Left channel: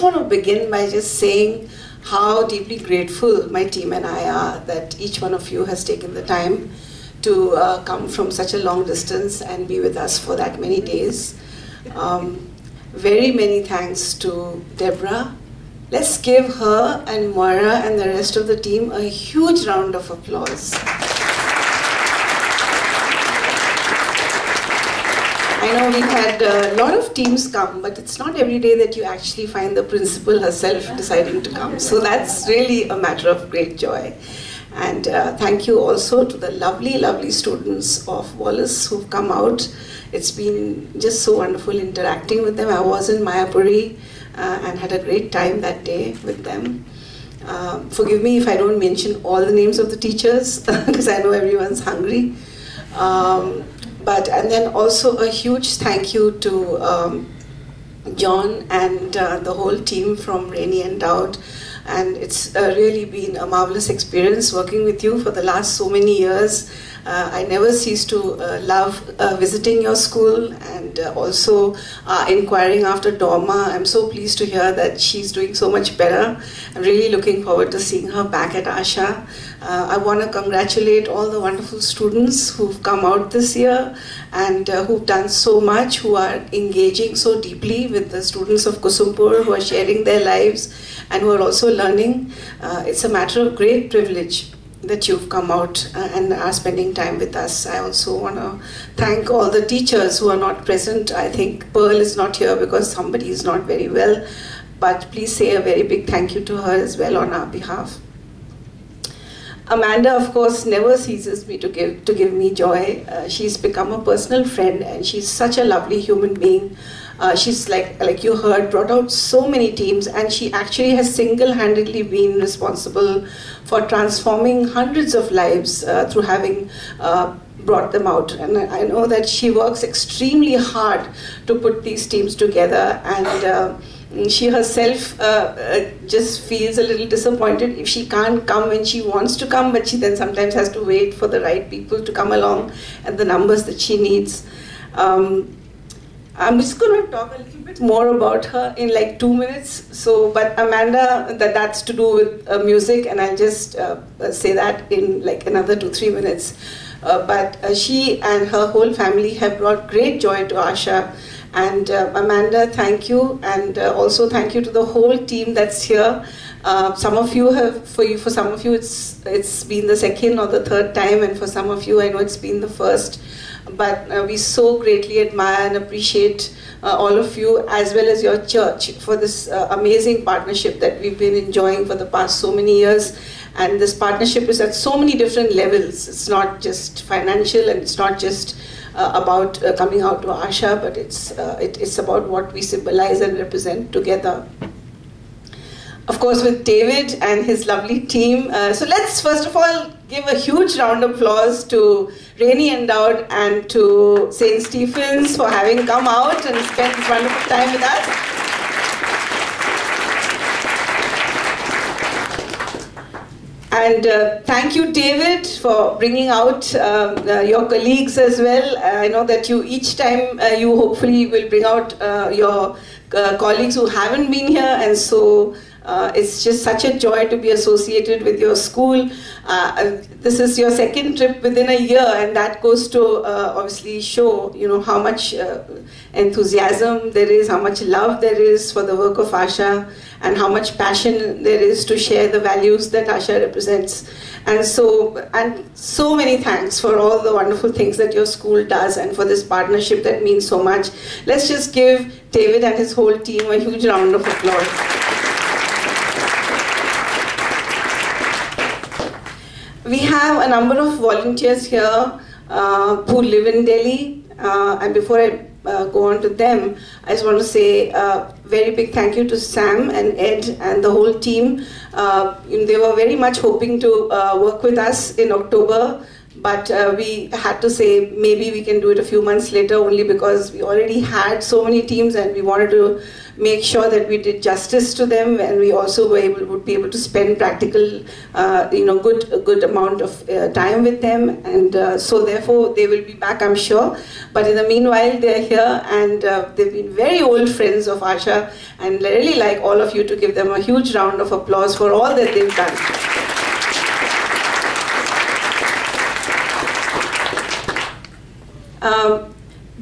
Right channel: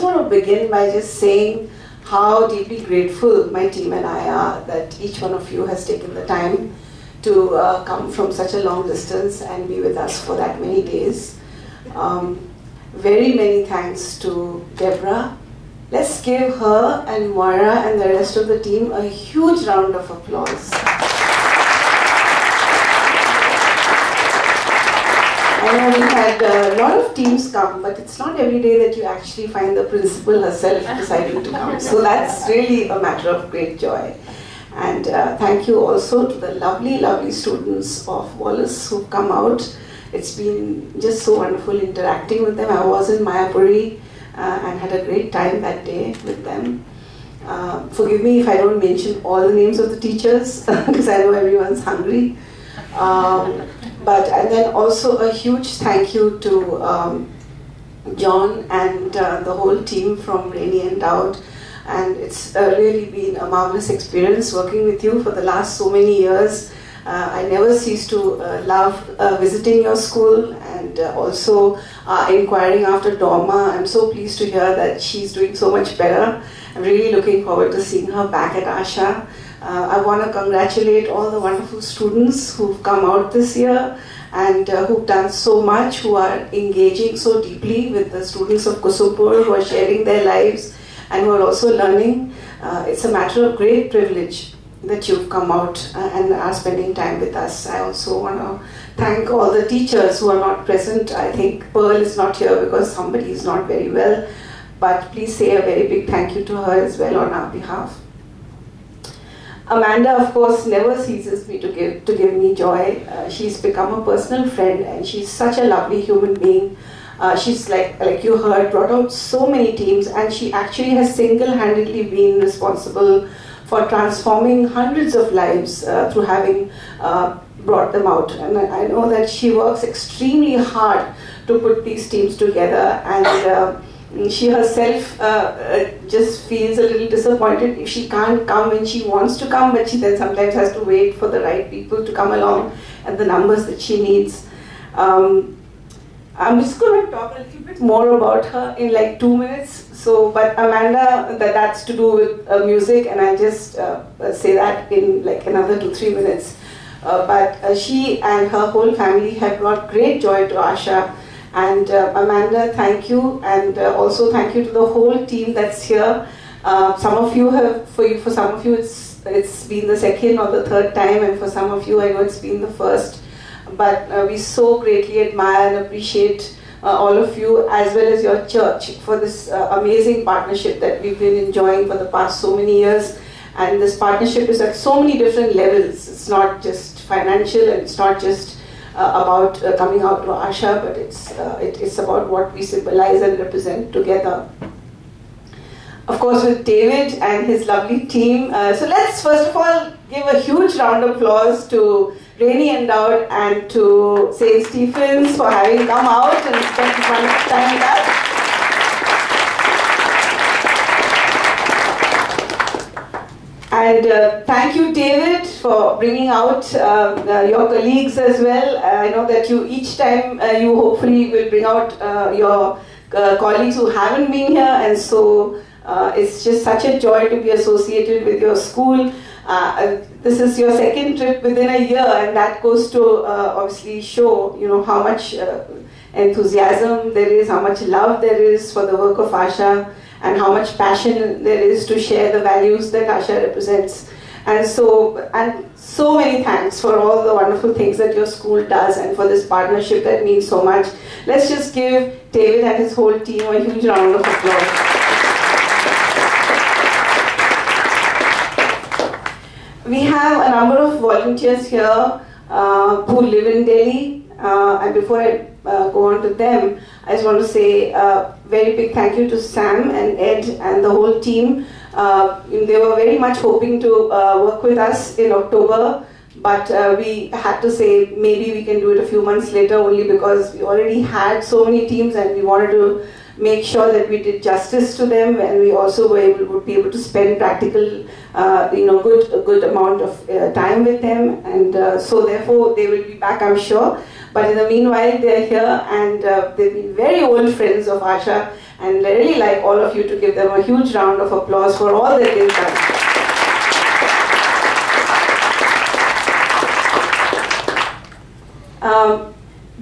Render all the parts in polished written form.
just want to begin by just saying how deeply grateful my team and I are that each one of you has taken the time to come from such a long distance and be with us for that many days. Very many thanks to Deborah. Let's give her and Moira and the rest of the team a huge round of applause. I know we had a lot of teams come, but it's not every day that you actually find the principal herself deciding to come. So that's really a matter of great joy. And thank you also to the lovely, lovely students of Wallace who've come out. It's been just so wonderful interacting with them. I was in Mayapuri and had a great time that day with them. Forgive me if I don't mention all the names of the teachers because I know everyone's hungry. And then also a huge thank you to John and the whole team from Rainy Endowed. And it's really been a marvelous experience working with you for the last so many years. I never cease to love visiting your school and also inquiring after Dorma. I'm so pleased to hear that she's doing so much better. I'm really looking forward to seeing her back at Asha. I want to congratulate all the wonderful students who've come out this year and who've done so much, who are engaging so deeply with the students of Kusumpur, who are sharing their lives and who are also learning. It's a matter of great privilege that you've come out and are spending time with us. I also want to thank all the teachers who are not present. I think Pearl is not here because somebody is not very well, but please say a very big thank you to her as well on our behalf. Amanda, of course, never ceases to give me joy. She's become a personal friend and she's such a lovely human being. She's like you heard, brought out so many teams, and she actually has single-handedly been responsible for transforming hundreds of lives through having brought them out. And I know that she works extremely hard to put these teams together, and she herself just feels a little disappointed if she can't come when she wants to come, but she then sometimes has to wait for the right people to come along at the numbers that she needs. I'm just going to talk a little bit more about her in like 2 minutes. But Amanda, that's to do with music, and I'll just say that in like another 2-3 minutes. But she and her whole family have brought great joy to Asha. And Amanda, thank you, and also thank you to the whole team that's here. Some of you have, for some of you, it's been the second or the third time, and for some of you, I know it's been the first. But we so greatly admire and appreciate all of you as well as your church for this amazing partnership that we've been enjoying for the past so many years. And this partnership is at so many different levels. It's not just financial, and it's not just about coming out to Asha, but it's about what we symbolize and represent together. Of course, with David and his lovely team. So let's first of all give a huge round of applause to Rainy Endowed and to St. Stephen's for having come out and spent wonderful time with us. And thank you, David, for bringing out your colleagues as well. I know that you each time you hopefully will bring out your colleagues who haven't been here, and so it's just such a joy to be associated with your school. This is your second trip within a year, and that goes to obviously show, how much enthusiasm there is, how much love there is for the work of Asha, and how much passion there is to share the values that Asha represents. And so many thanks for all the wonderful things that your school does and for this partnership that means so much. Let's just give David and his whole team a huge round of applause. We have a number of volunteers here who live in Delhi, and before I go on to them, I just want to say a very big thank you to Sam and Ed and the whole team. They were very much hoping to work with us in October, but we had to say maybe we can do it a few months later, only because we already had so many teams and we wanted to make sure that we did justice to them, and we also would be able to spend practical, good amount of time with them, and so therefore they will be back, I'm sure. But in the meanwhile, they're here, and they've been very old friends of Asha, and I really like all of you to give them a huge round of applause for all that they've done.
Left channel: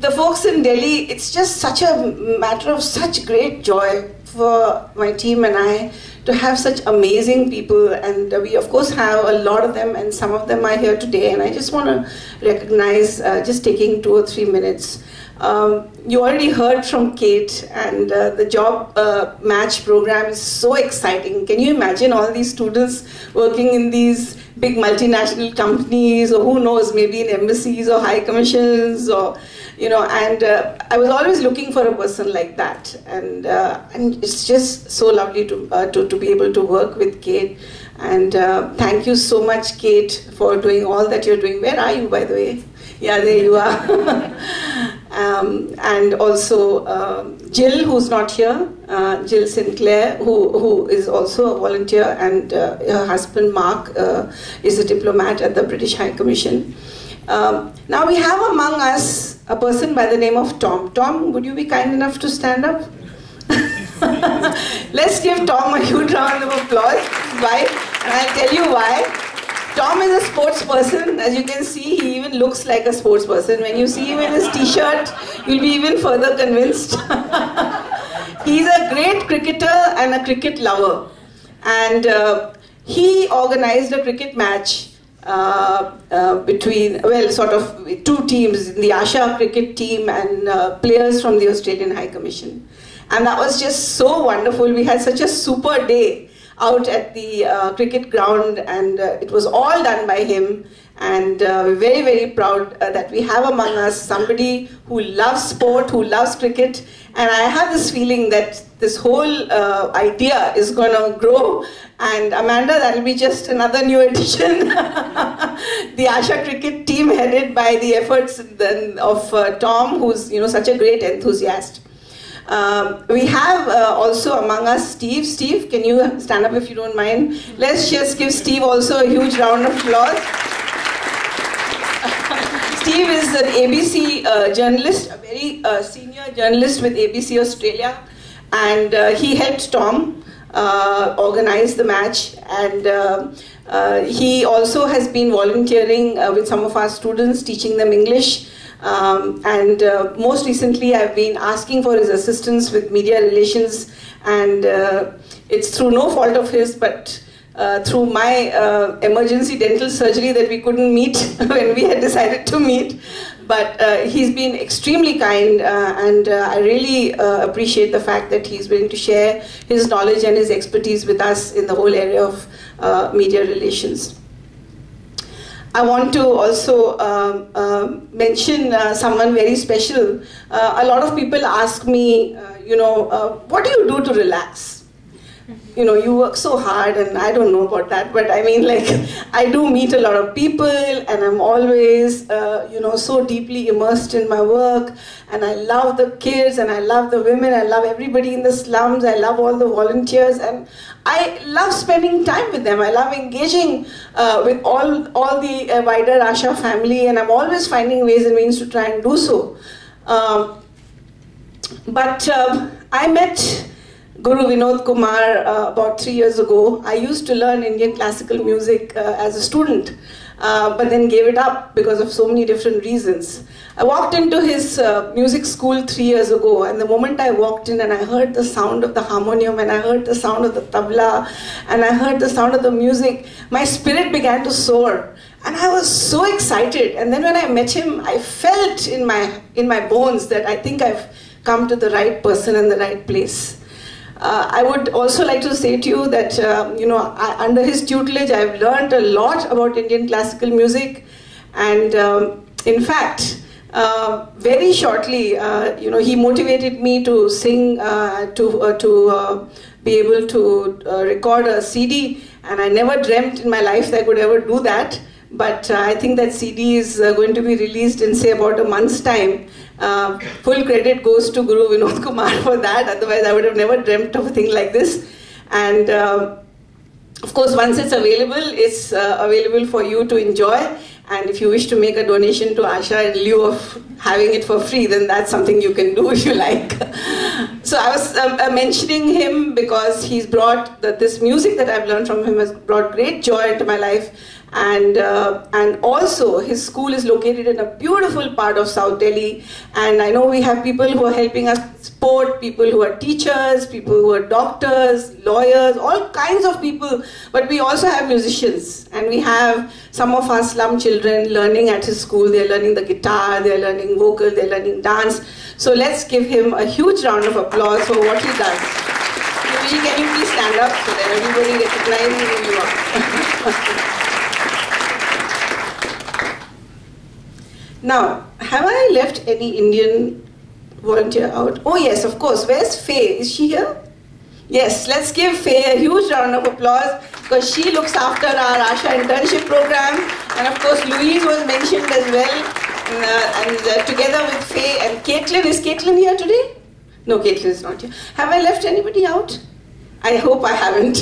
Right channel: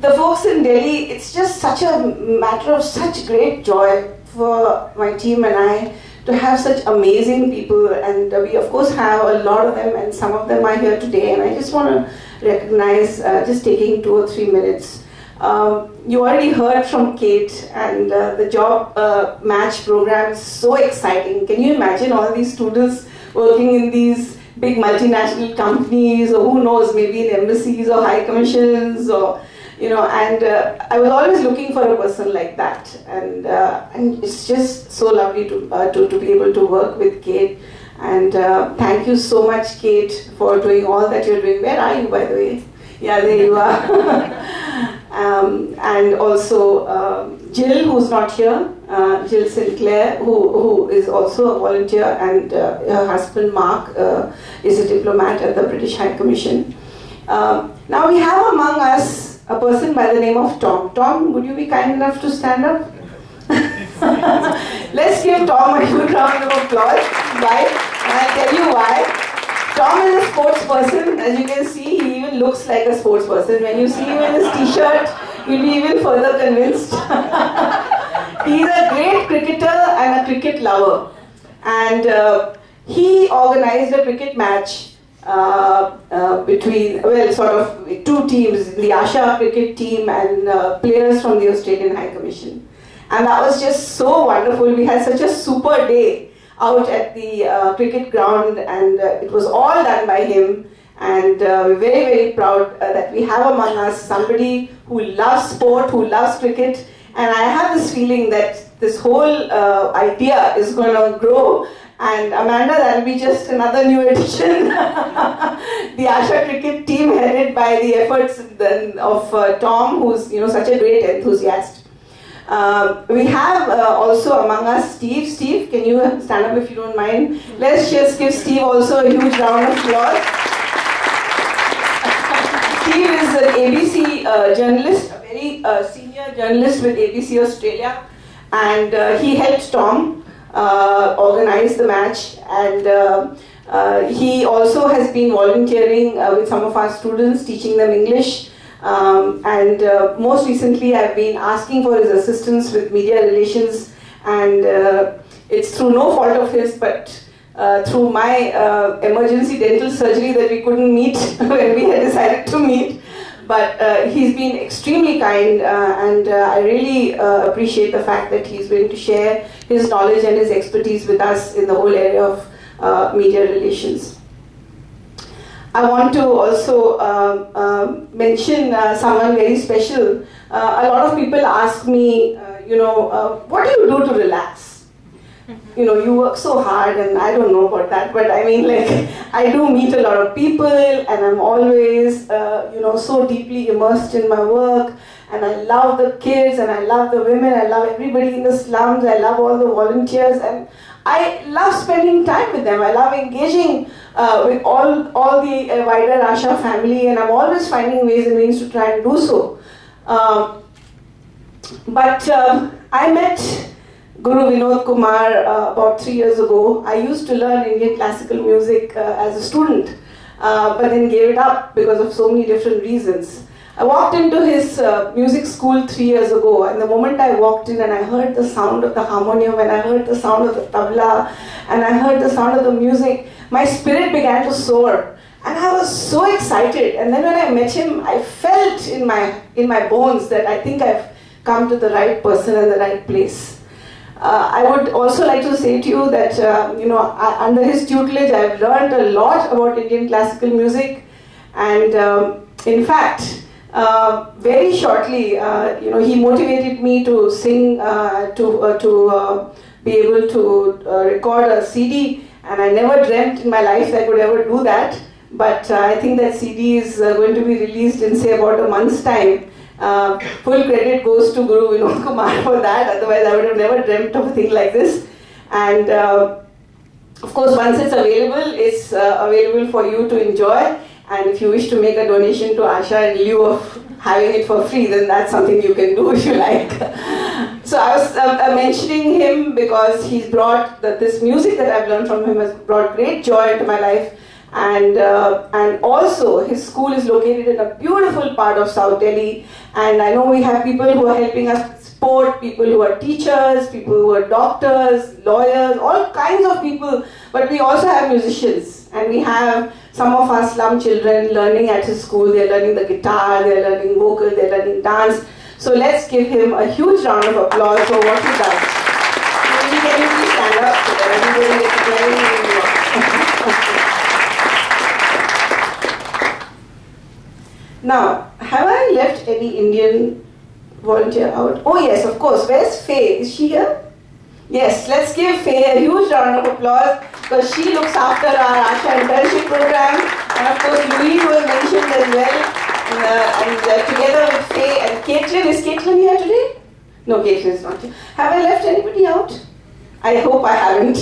The folks in Delhi, it's just such a matter of such great joy for my team and I to have such amazing people, and we of course have a lot of them, and some of them are here today, and I just want to recognize, just taking 2 or 3 minutes. You already heard from Kate, and the job match program is so exciting. Can you imagine all these students working in these big multinational companies, or who knows, maybe in embassies or high commissions, or and I was always looking for a person like that, and it's just so lovely to be able to work with Kate, and thank you so much, Kate, for doing all that you're doing. Where are you, by the way? Yeah, there you are. And also Jill, who's not here, Jill Sinclair, who is also a volunteer, and her husband Mark is a diplomat at the British High Commission. Now we have among us a person by the name of Tom. Tom, would you be kind enough to stand up? Let's give Tom a huge round of applause. Why? And I'll tell you why. Tom is a sports person. As you can see, he even looks like a sports person. When you see him in his t-shirt, you'll be even further convinced. He's a great cricketer and a cricket lover. And he organized a cricket match between, well, sort of 2 teams, the Asha cricket team and players from the Australian High Commission. And that was just so wonderful. We had such a super day out at the cricket ground, and it was all done by him. And we're very, very proud that we have among us somebody who loves sport, who loves cricket. And I have this feeling that this whole idea is going to grow. And Amanda, that'll be just another new addition. The Asha cricket team, headed by the efforts of Tom, who's such a great enthusiast. We have also among us Steve. Steve, can you stand up if you don't mind? Let's just give Steve also a huge round of applause. Steve is an ABC journalist, a very senior journalist with ABC Australia, and he helped Tom organize the match, and he also has been volunteering with some of our students, teaching them English, and most recently I've been asking for his assistance with media relations, and it's through no fault of his, but through my emergency dental surgery that we couldn't meet when we had decided to meet. But he's been extremely kind, and I really appreciate the fact that he's willing to share his knowledge and his expertise with us in the whole area of media relations. I want to also mention someone very special. A lot of people ask me, what do you do to relax? You work so hard, and I don't know about that, but I mean, like, I do meet a lot of people, and I'm always, so deeply immersed in my work, and I love the kids, and I love the women, I love everybody in the slums, I love all the volunteers, and I love spending time with them. I love engaging with all the wider Asha family, and I'm always finding ways and means to try and do so. But I met Guru Vinod Kumar about 3 years ago. I used to learn Indian classical music as a student, but then gave it up because of so many different reasons. I walked into his music school 3 years ago, and the moment I walked in and I heard the sound of the harmonium, and I heard the sound of the tabla, and I heard the sound of the music, my spirit began to soar. And I was so excited. And then when I met him, I felt in my bones that I think I've come to the right person in the right place. I would also like to say to you that, under his tutelage, I've learned a lot about Indian classical music, and in fact, very shortly, he motivated me to sing, to be able to record a CD, and I never dreamt in my life that I could ever do that. but I think that CD is going to be released in, say, about a month's time. Full credit goes to Guru Vinod Kumar for that, otherwise I would have never dreamt of a thing like this. And of course, once it's available for you to enjoy. And if you wish to make a donation to Asha in lieu of having it for free, then that's something you can do if you like. So I was mentioning him because he's brought, this music that I've learned from him has brought great joy into my life. And also his school is located in a beautiful part of South Delhi. And I know we have people who are helping us sport, people who are teachers, people who are doctors, lawyers, all kinds of people. But we also have musicians, and we have some of our slum children learning at his school. They're learning the guitar, they're learning vocal, they're learning dance. So let's give him a huge round of applause for what he does. Usually, can you please stand up so that everybody recognizes you? Now, have I left any Indian volunteer out? Oh yes, of course. Where's Faye? Is she here? Yes, let's give Faye a huge round of applause because she looks after our Asha internship program, and of course Louise was mentioned as well, and together with Faye and Caitlin. Is Caitlin here today? No, Caitlin is not here. Have I left anybody out? I hope I haven't.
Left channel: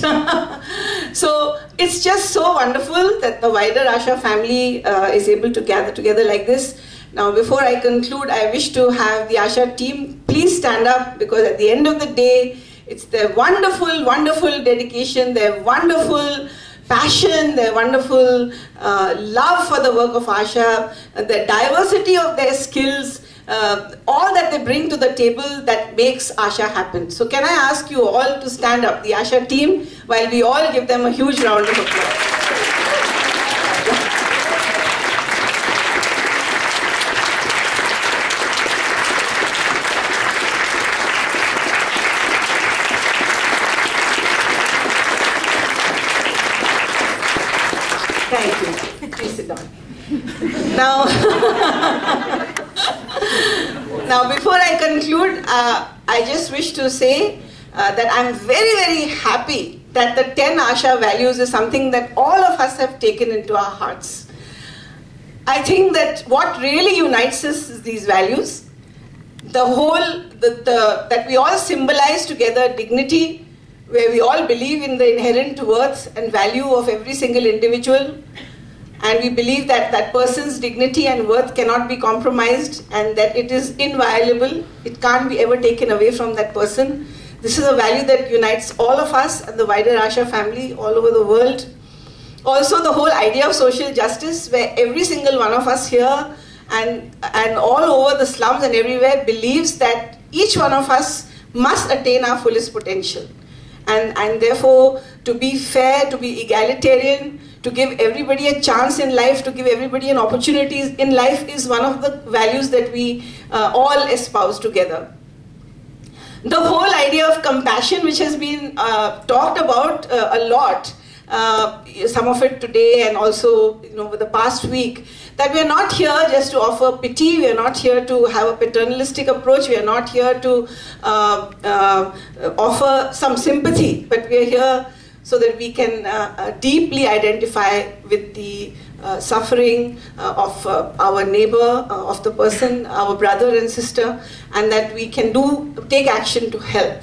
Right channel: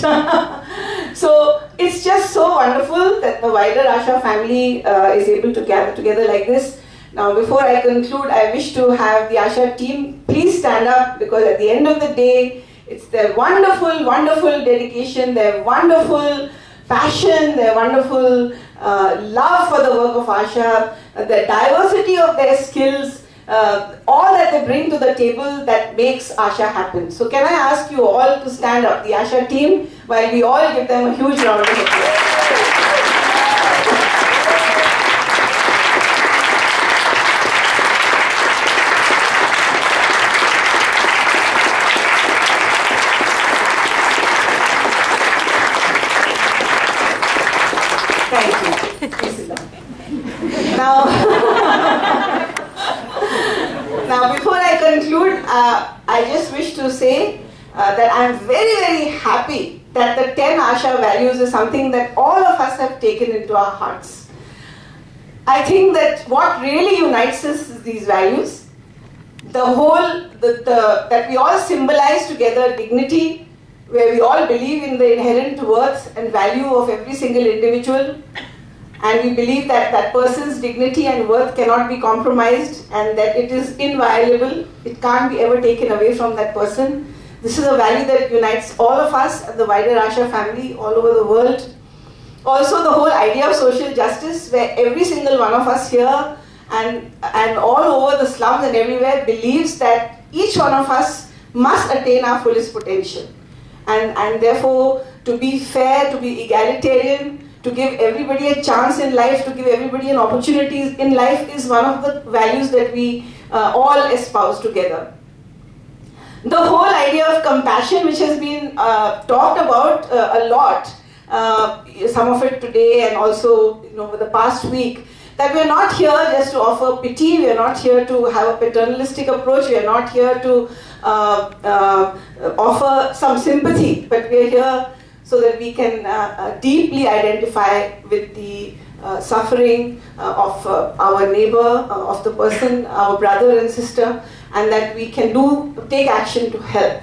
So it's just so wonderful that the wider Asha family is able to gather together like this. Now, before I conclude, I wish to have the Asha team please stand up, because at the end of the day, it's their wonderful, wonderful dedication, their wonderful passion, their wonderful love for the work of Asha, the diversity of their skills, all that they bring to the table that makes Asha happen. So can I ask you all to stand up, the Asha team, while we all give them a huge round of applause. Thank you. Please sit down. Now, before I conclude, I just wish to say that I'm very, very happy that the 10 Asha values is something that all of us have taken into our hearts. I think that what really unites us is these values. That we all symbolize together dignity, where we all believe in the inherent worth and value of every single individual. And we believe that that person's dignity and worth cannot be compromised, and that it is inviolable. It can't be ever taken away from that person. This is a value that unites all of us and the wider Asha family all over the world. Also, the whole idea of social justice, where every single one of us here and all over the slums and everywhere believes that each one of us must attain our fullest potential. And therefore, to be fair, to be egalitarian, to give everybody a chance in life, to give everybody an opportunity in life is one of the values that we all espouse together. The whole idea of compassion, which has been talked about a lot, some of it today and also over the past week, that we are not here just to offer pity, we are not here to have a paternalistic approach, we are not here to offer some sympathy, but we are here so that we can deeply identify with the suffering of our neighbor, of the person, our brother and sister, and that we can take action to help.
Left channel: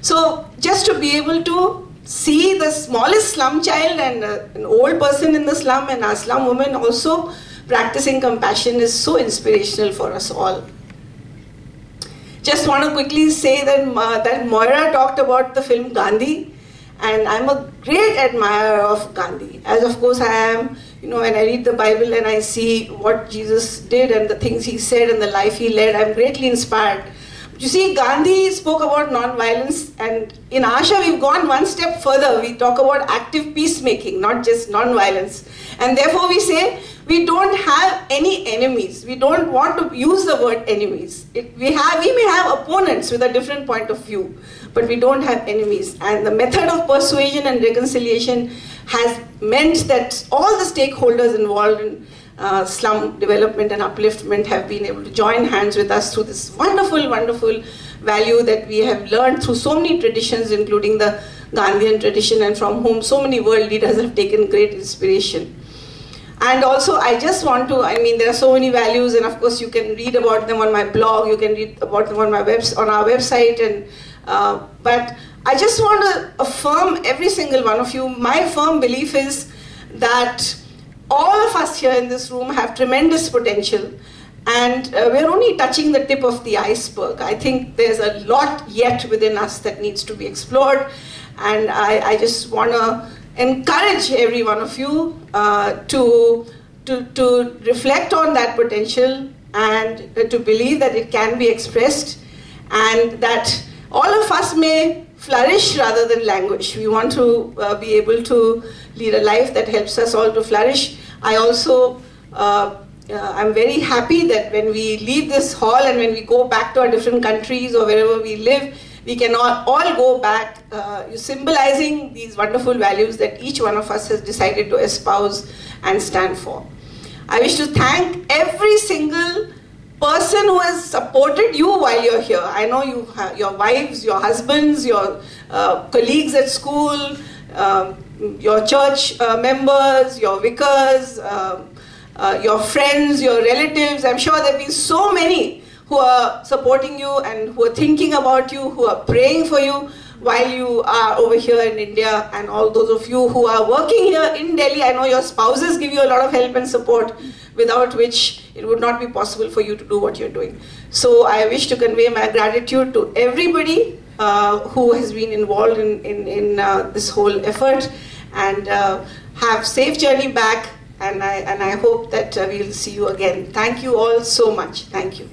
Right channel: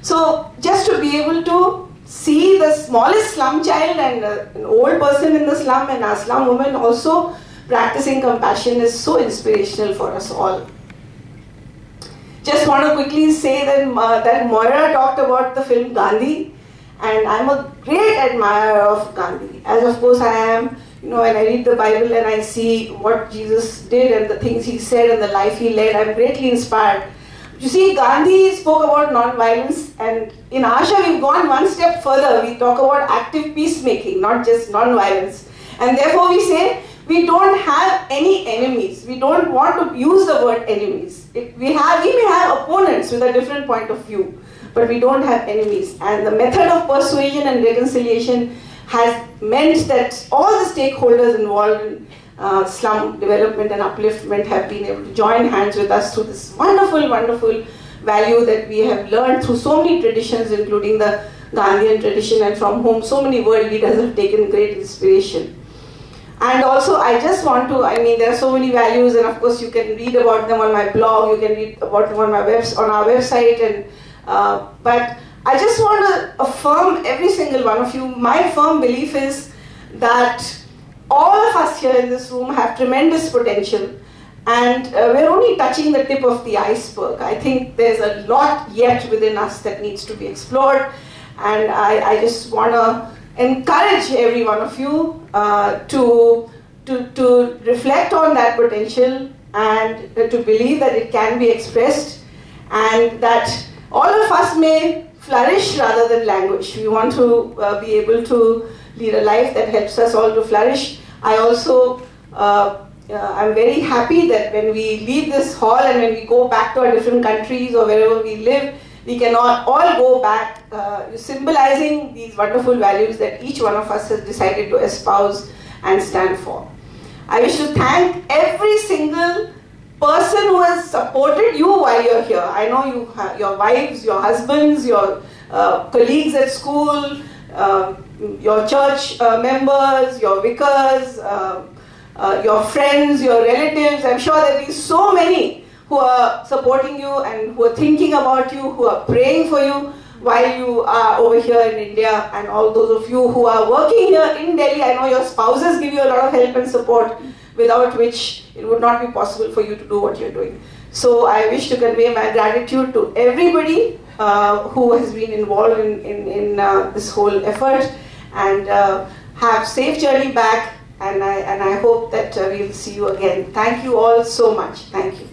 So just to be able to see the smallest slum child and an old person in the slum and our slum woman also practicing compassion is so inspirational for us all. Just want to quickly say that, that Moira talked about the film Gandhi. And I'm a great admirer of Gandhi, as of course I am, when I read the Bible and I see what Jesus did and the things he said and the life he led, I'm greatly inspired. But you see, Gandhi spoke about non-violence, and in Asha we've gone one step further. We talk about active peacemaking, not just non-violence. And therefore we say, we don't have any enemies. We don't want to use the word enemies. We may have opponents with a different point of view, but we don't have enemies. And the method of persuasion and reconciliation has meant that all the stakeholders involved in slum development and upliftment have been able to join hands with us through this wonderful, wonderful value that we have learned through so many traditions, including the Gandhian tradition, and from whom so many world leaders have taken great inspiration. And also, I just want to, I mean, there are so many values, and of course you can read about them on my blog, you can read about them on my on our website, and but I just want to affirm every single one of you. My firm belief is that all of us here in this room have tremendous potential, and we're only touching the tip of the iceberg. I think there's a lot yet within us that needs to be explored, and I just want to encourage every one of you to reflect on that potential and to believe that it can be expressed, and that all of us may flourish rather than languish. We want to be able to lead a life that helps us all to flourish. I also, I'm very happy that when we leave this hall and when we go back to our different countries or wherever we live, we can all go back symbolizing these wonderful values that each one of us has decided to espouse and stand for. I wish to thank every single person who has supported you while you're here. I know you have your wives, your husbands, your colleagues at school, your church members, your vicars, your friends, your relatives. I'm sure there have been so many who are supporting you and who are thinking about you, who are praying for you while you are over here in India, and all those of you who are working here in Delhi. I know your spouses give you a lot of help and support, without which it would not be possible for you to do what you're doing. So I wish to convey my gratitude to everybody who has been involved in this whole effort, and have safe journey back, and I hope that we'll see you again. Thank you all so much. Thank you.